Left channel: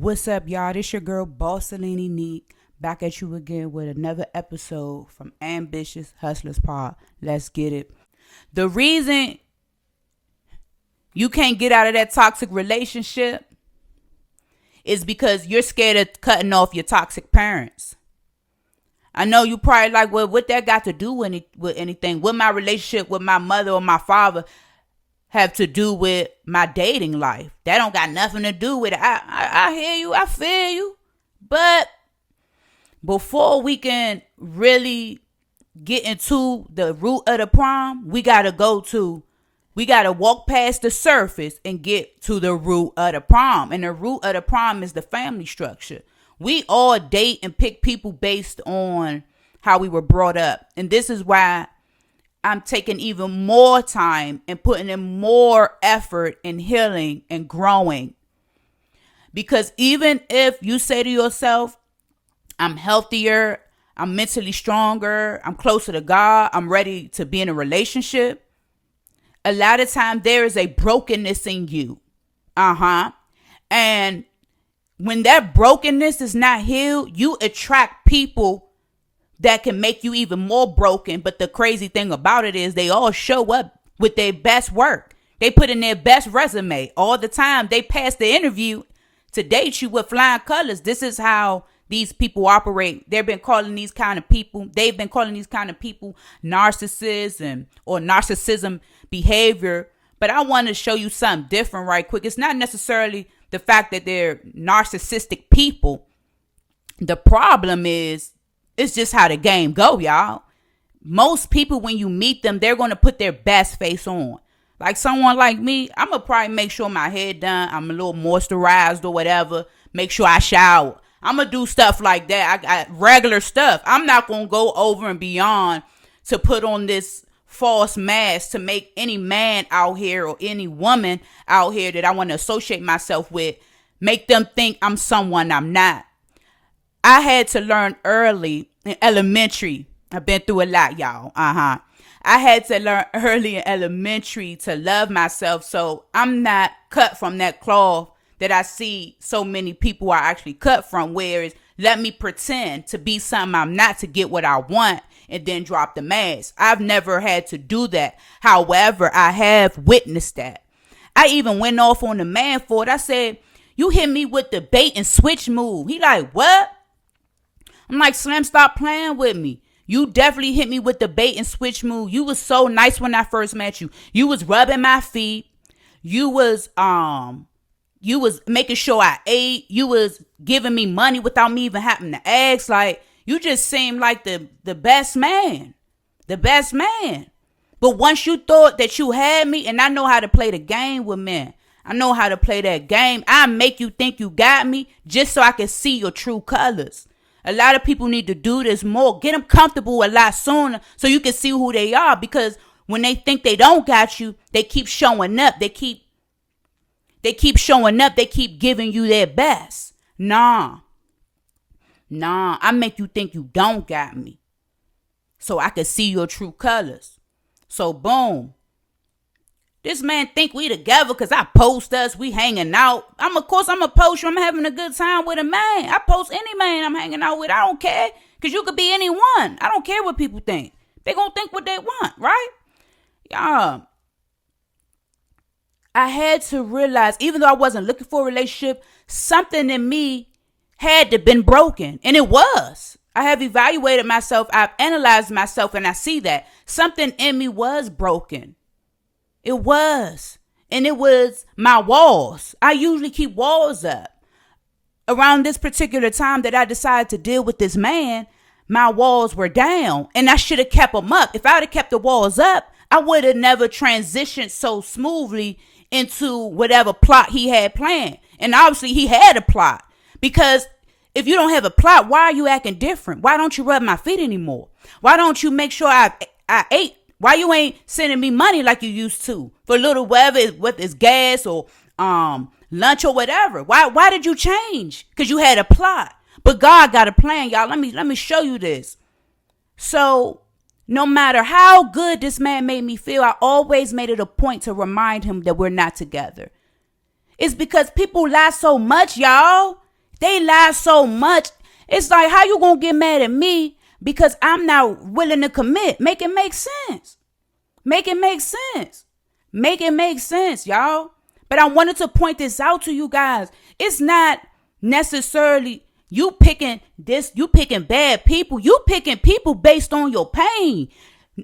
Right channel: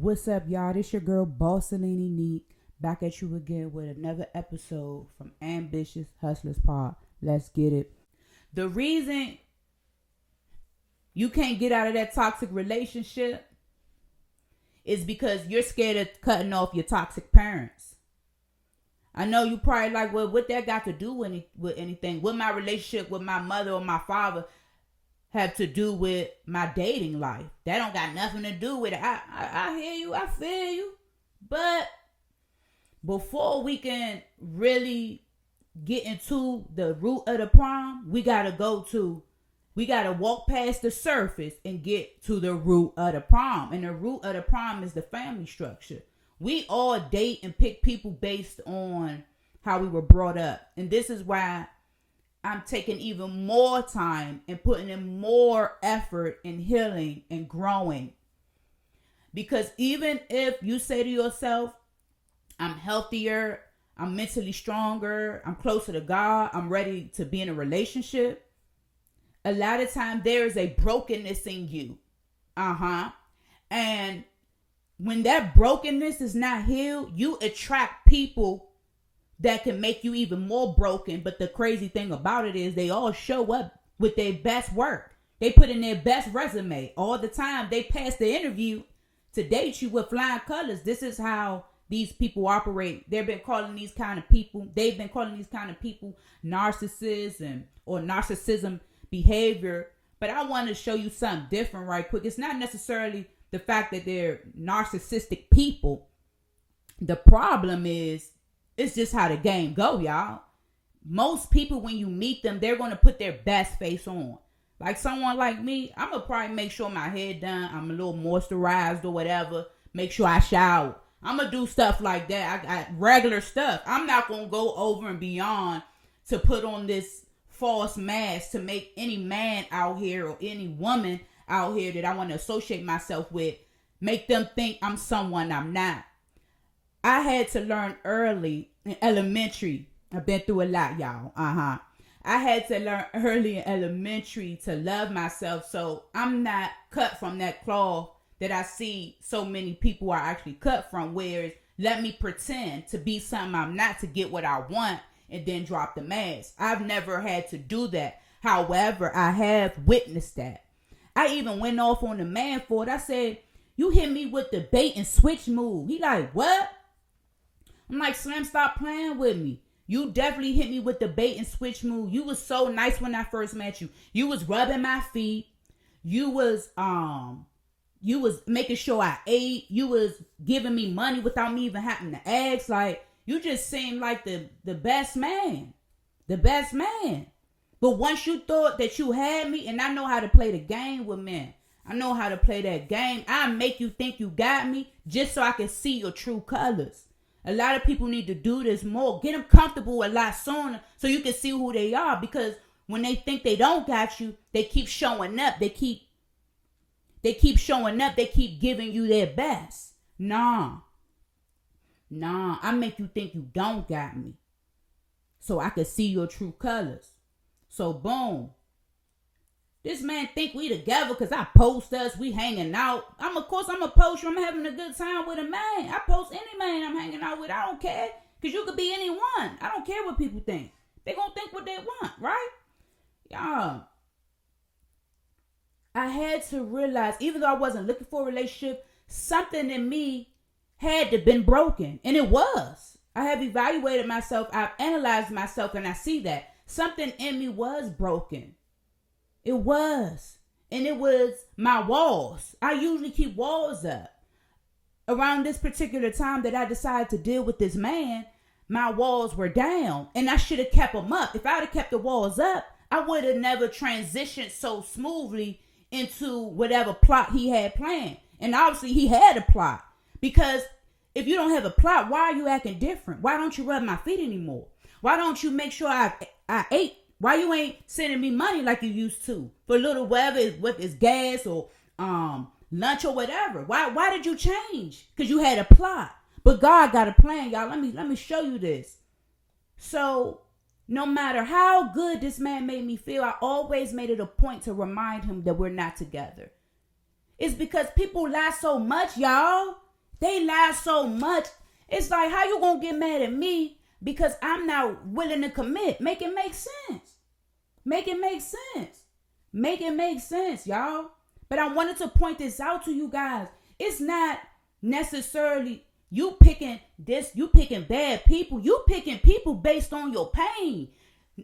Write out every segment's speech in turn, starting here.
What's up, y'all? This your girl, Bossalini Neek, back at you again with another episode from Ambitious Hustlers Pod. Let's get it. The reason you can't get out of that toxic relationship is because you're scared of cutting off your toxic parents. I know you probably like, well, what that got to do with anything? What my relationship with my mother or my father have to do with my dating life? That don't got nothing to do with it. I hear you. I feel you. But before we can really get into the root of the problem, we got to walk past the surface and get to the root of the problem. And the root of the problem is the family structure. We all date and pick people based on how we were brought up. And this is why I'm taking even more time and putting in more effort in healing and growing. Because even if you say to yourself, I'm healthier, I'm mentally stronger, I'm closer to God, I'm ready to be in a relationship, a lot of times there is a brokenness in you. And when that brokenness is not healed, you attract people that can make you even more broken. But the crazy thing about it is they all show up with their best work. They put in their best resume all the time. They pass the interview to date you with flying colors. This is how these people operate. They've been calling these kind of people narcissism or narcissism behavior. But I want to show you something different right quick. It's not necessarily the fact that they're narcissistic people. The problem is, it's just how the game go, y'all. Most people, when you meet them, they're going to put their best face on. Like someone like me, I'm going to probably make sure my hair done. I'm a little moisturized or whatever. Make sure I shower. I'm going to do stuff like that. I regular stuff. I'm not going to go over and beyond to put on this false mask to make any man out here or any woman out here that I want to associate myself with, make them think I'm someone I'm not. I had to learn early in elementary. I've been through a lot, y'all. I had to learn early in elementary to love myself, so I'm not cut from that cloth that I see so many people are actually cut from, where it's let me pretend to be something I'm not to get what I want and then drop the mask. I've never had to do that. However, I have witnessed that. I even went off on the man for it. I said, you hit me with the bait and switch move. He like, what? I'm like, Slim, stop playing with me. You definitely hit me with the bait and switch move. You was so nice when I first met you. You was rubbing my feet. You was making sure I ate. You was giving me money without me even having to ask. Like, you just seemed like the best man. The best man. But once you thought that you had me, and I know how to play the game with men. I know how to play that game. I make you think you got me just so I can see your true colors. A lot of people need to do this more. Get them comfortable a lot sooner so you can see who they are. Because when they think they don't got you, they keep showing up. They keep showing up. They keep giving you their best. Nah, I make you think you don't got me so I can see your true colors. So boom. This man think we together because I post us, we hanging out. I'm going to post you. I'm having a good time with a man. I post any man I'm hanging out with. I don't care, because you could be anyone. I don't care what people think. They going to think what they want, right? Yeah. I had to realize, even though I wasn't looking for a relationship, something in me had to been broken. And it was. I have evaluated myself. I've analyzed myself, and I see that something in me was broken. It was. And it was my walls. I usually keep walls up. Around this particular time that I decided to deal with this man, my walls were down. And I should have kept them up. If I would have kept the walls up, I would have never transitioned so smoothly into whatever plot he had planned. And obviously he had a plot. Because if you don't have a plot, why are you acting different? Why don't you rub my feet anymore? Why don't you make sure I ate? Why you ain't sending me money like you used to for a little whatever it's gas or lunch or whatever? Why did you change? Because you had a plot. But God got a plan, y'all. Let me show you this. So no matter how good this man made me feel, I always made it a point to remind him that we're not together. It's because people lie so much, y'all. They lie so much. It's like, how you gonna get mad at me because I'm not willing to commit? Make it make sense. Make it make sense. Make it make sense, y'all. But I wanted to point this out to you guys. It's not necessarily you picking bad people. You picking people based on your pain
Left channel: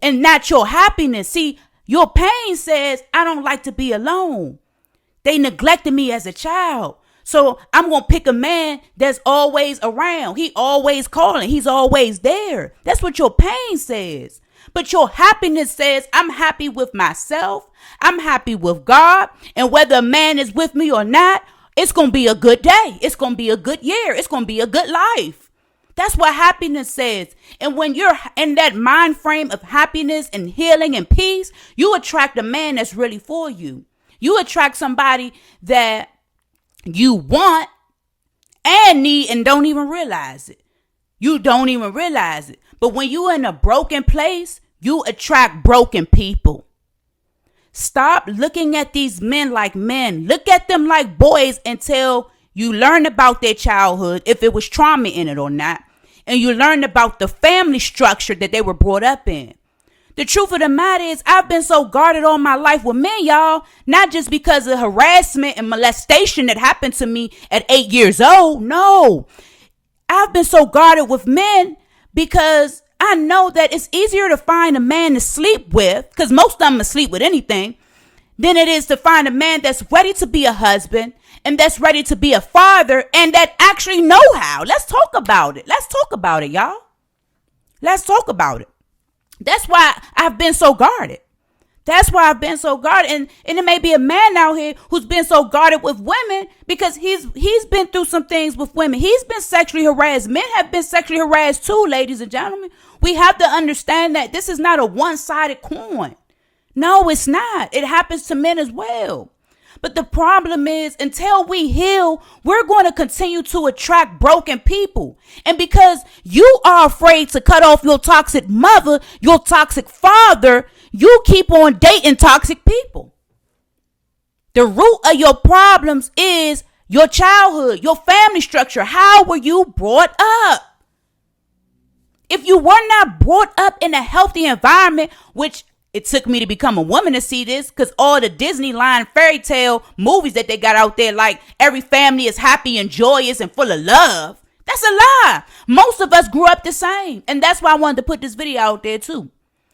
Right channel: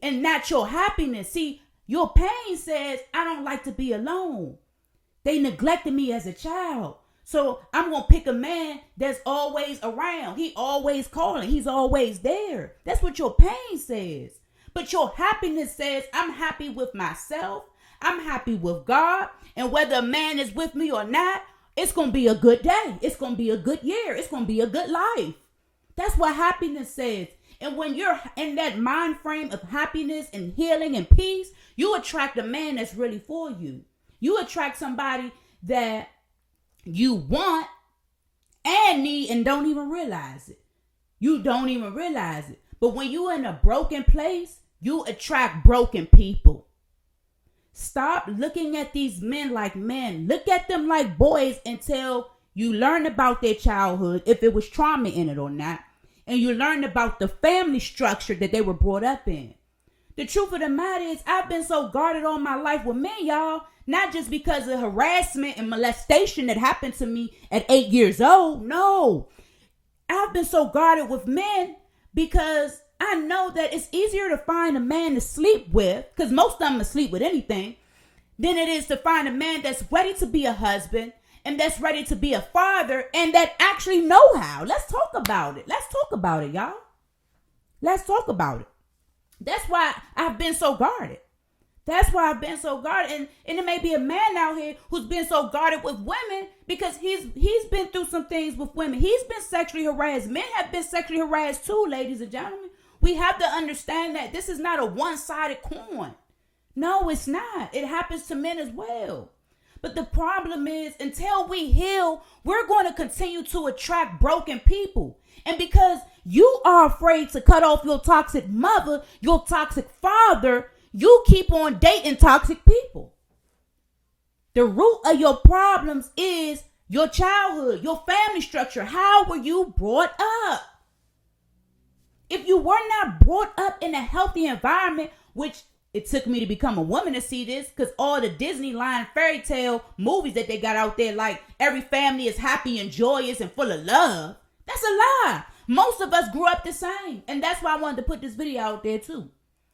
and not your happiness. See, your pain says, I don't like to be alone. They neglected me as a child. So I'm going to pick a man that's always around. He always calling. He's always there. That's what your pain says. But your happiness says, I'm happy with myself. I'm happy with God. And whether a man is with me or not, it's going to be a good day. It's going to be a good year. It's going to be a good life. That's what happiness says. And when you're in that mind frame of happiness and healing and peace, you attract a man that's really for you. You attract somebody that you want and need and don't even realize it. You don't even realize it. But when you're in a broken place, you attract broken people. Stop looking at these men like men. Look at them like boys until you learn about their childhood, if it was trauma in it or not. And you learn about the family structure that they were brought up in. The truth of the matter is, I've been so guarded all my life with men, y'all. Not just because of harassment and molestation that happened to me at 8 years old. No. I've been so guarded with men because I know that it's easier to find a man to sleep with, because most of them sleep with anything, than it is to find a man that's ready to be a husband and that's ready to be a father and that actually know how. Let's talk about it. Let's talk about it, y'all. Let's talk about it. That's why I've been so guarded. That's why I've been so guarded. And it may be a man out here who's been so guarded with women because he's been through some things with women. He's been sexually harassed. Men have been sexually harassed too, ladies and gentlemen. We have to understand that this is not a one-sided coin. No, it's not. It happens to men as well. But the problem is, until we heal, we're going to continue to attract broken people. And because you are afraid to cut off your toxic mother, your toxic father, you keep on dating toxic people. The root of your problems is your childhood, your family structure. How were you brought up? If you were not brought up in a healthy environment, which it took me to become a woman to see this, because all the Disneyland fairy tale movies that they got out there, like every family is happy and joyous and full of love. That's a lie. Most of us grew up the same. And that's why I wanted to put this video out there too.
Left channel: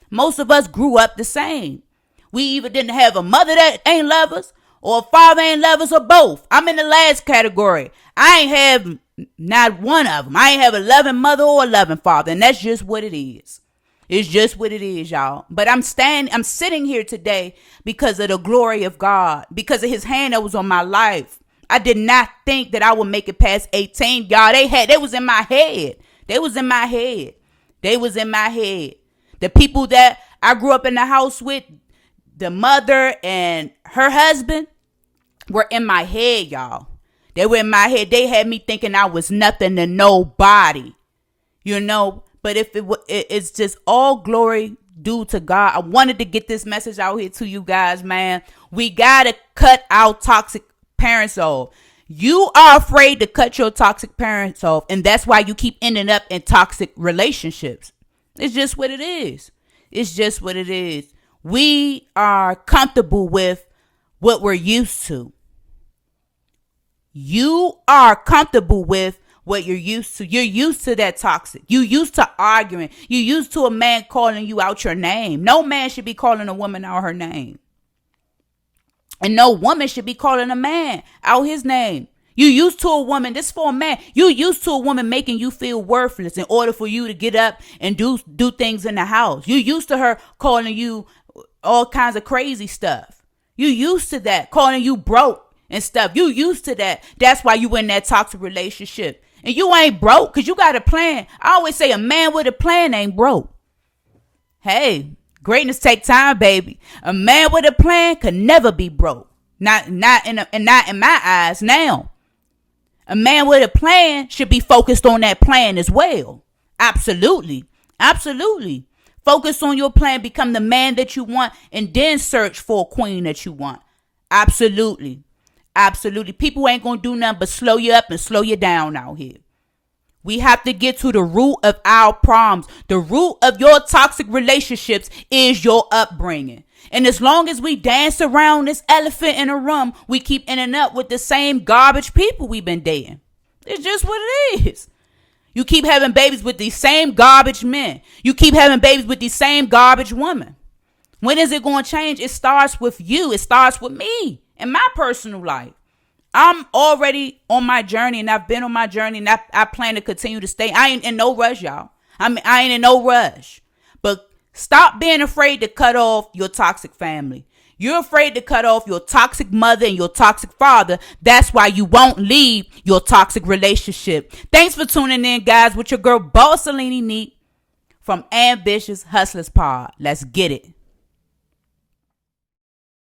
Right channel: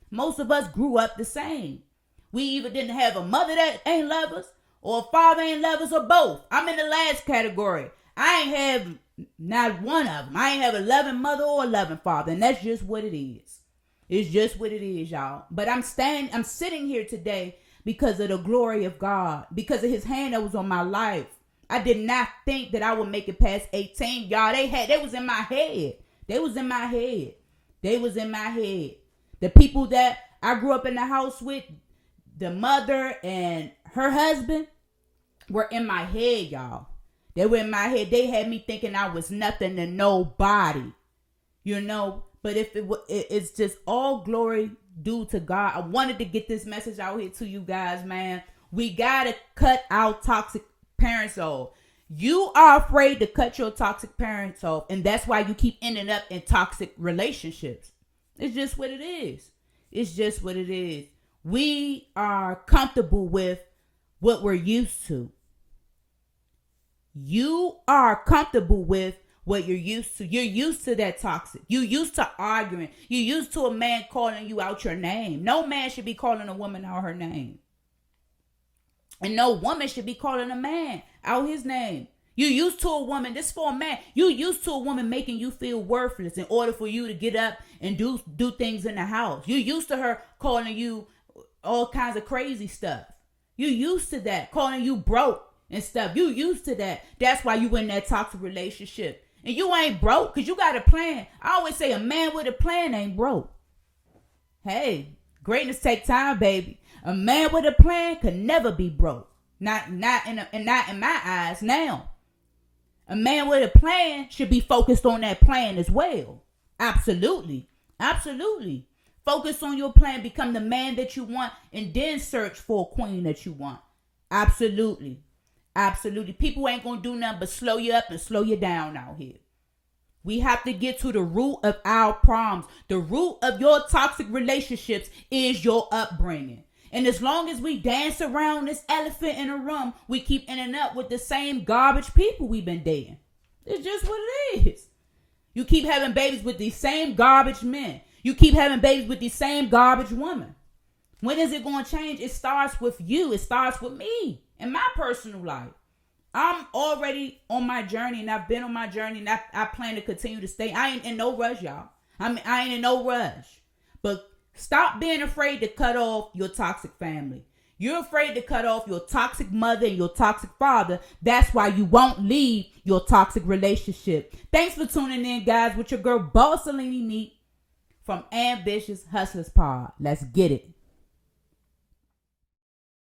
Most of us grew up the same. We either didn't have a mother that ain't love us, or a father ain't love us, or both. I'm in the last category. I ain't have not one of them. I ain't have a loving mother or a loving father. And that's just what it is. It's just what it is, y'all. But I'm sitting here today because of the glory of God, because of his hand that was on my life. I did not think that I would make it past 18, y'all. They was in my head. They was in my head. They was in my head. The people that I grew up in the house with, the mother and her husband, were in my head, y'all. They were in my head. They had me thinking I was nothing to nobody, you know. But if it's just all glory due to God. I wanted to get this message out here to you guys, man. We got to cut our toxic parents off. You are afraid to cut your toxic parents off, and that's why you keep ending up in toxic relationships. It's just what it is. It's just what it is. We are comfortable with what we're used to. You are comfortable with what you're used to. You're used to that toxic. You used to arguing. You used to a man calling you out your name. No man should be calling a woman out her name. And no woman should be calling a man out his name. You used to a woman, this for a man, you used to a woman making you feel worthless in order for you to get up and do things in the house. You used to her calling you all kinds of crazy stuff. You used to that, calling you broke and stuff. You used to that. That's why you in that toxic relationship. And you ain't broke because you got a plan. I always say a man with a plan ain't broke. Hey, greatness take time, baby. A man with a plan could never be broke. Not in my eyes now. A man with a plan should be focused on that plan as well. Absolutely. Absolutely. Focus on your plan. Become the man that you want and then search for a queen that you want. Absolutely. Absolutely. People ain't gonna do nothing but slow you up and slow you down out here. We have to get to the root of our problems. The root of your toxic relationships is your upbringing. And as long as we dance around this elephant in a room, we keep ending up with the same garbage people we've been dating. It's just what it is. You keep having babies with these same garbage men. You keep having babies with these same garbage women. When is it going to change? It starts with you. It starts with me in my personal life. I'm already on my journey, and I've been on my journey, and I plan to continue to stay. I ain't in no rush, y'all. I ain't in no rush. But stop being afraid to cut off your toxic family. You're afraid to cut off your toxic mother and your toxic father. That's why you won't leave your toxic relationship. Thanks for tuning in, guys, with your girl, Bossalini Neat from Ambitious Hustlers Pod. Let's get it.